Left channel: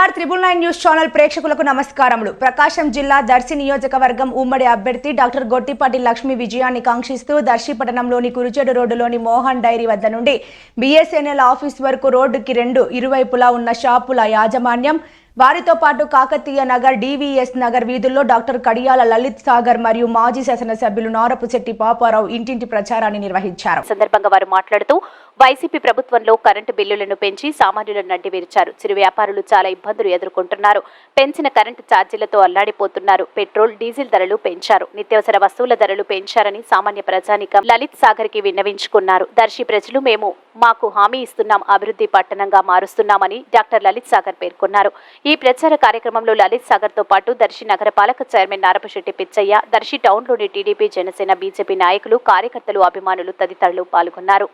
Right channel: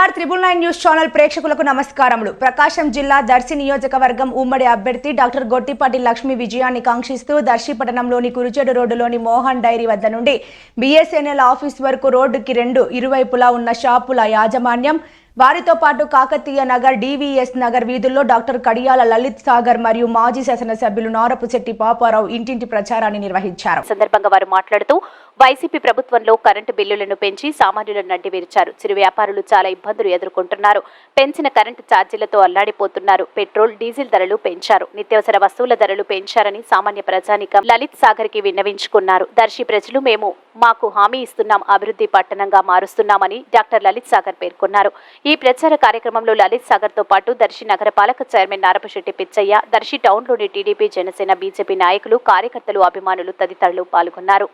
BR999 news channel ప్రేక్షకులకు నమస్కారములు. ప్రకాశం జిల్లా దర్శి నియోజకవర్గం ఉమ్మడి అభ్యర్థి డాక్టర్ గొట్టిపాటి లక్ష్మి విజయాన్ని కాంక్షిస్తూ దర్శి పట్టణంలోని కురుచేడు రోడ్డులోని మోహన్ డైరీ వద్ద నుండి BSNL ఆఫీస్ వరకు రోడ్డుకి ఇరువైపులా ఉన్న షాపుల యాజమాన్యం వారితో పాటు కాకతీయ నగర్, DVS నగర్ వీధుల్లో డాక్టర్ కడియాల లలిత్ సాగర్ మరియు మాజీ శాసనసభ్యులు నారపుశెట్టి పాపారావు ఇంటింటి ప్రచారాన్ని నిర్వహించారు. సందర్భంగా వారు మాట్లాడుతూ వైసీపీ ప్రభుత్వంలో కరెంటు బిల్లులను పెంచి సామాన్యులను నడ్డివిరిచారు. చిరు వ్యాపారులు చాలా ఇబ్బందులు ఎదుర్కొంటున్నారు. పెంచిన కరెంటు ఛార్జీలతో అల్లాడిపోతున్నారు. పెట్రోల్, డీజిల్ ధరలు పెంచారు. నిత్యావసర వస్తువుల ధరలు పెంచారని సామాన్య ప్రజానికం లలిత్ సాగర్ కి విన్నవించుకున్నారు. దర్శి ప్రజలు మాకు హామీ ఇస్తున్నాం, అభివృద్ధి పట్టణంగా మారుస్తున్నామని డాక్టర్ లలిత్ సాగర్ పేర్కొన్నారు. ఈ ప్రచార కార్యక్రమంలో లలిత్ సాగర్ తో పాటు దర్శి నగరపాలక చైర్మన్ నారపుశెట్టి పిచ్చయ్య, దర్శి టౌన్లోని టీడీపీ, జనసేన, బీజేపీ నాయకులు, కార్యకర్తలు, అభిమానులు తదితరులు పాల్గొన్నారు.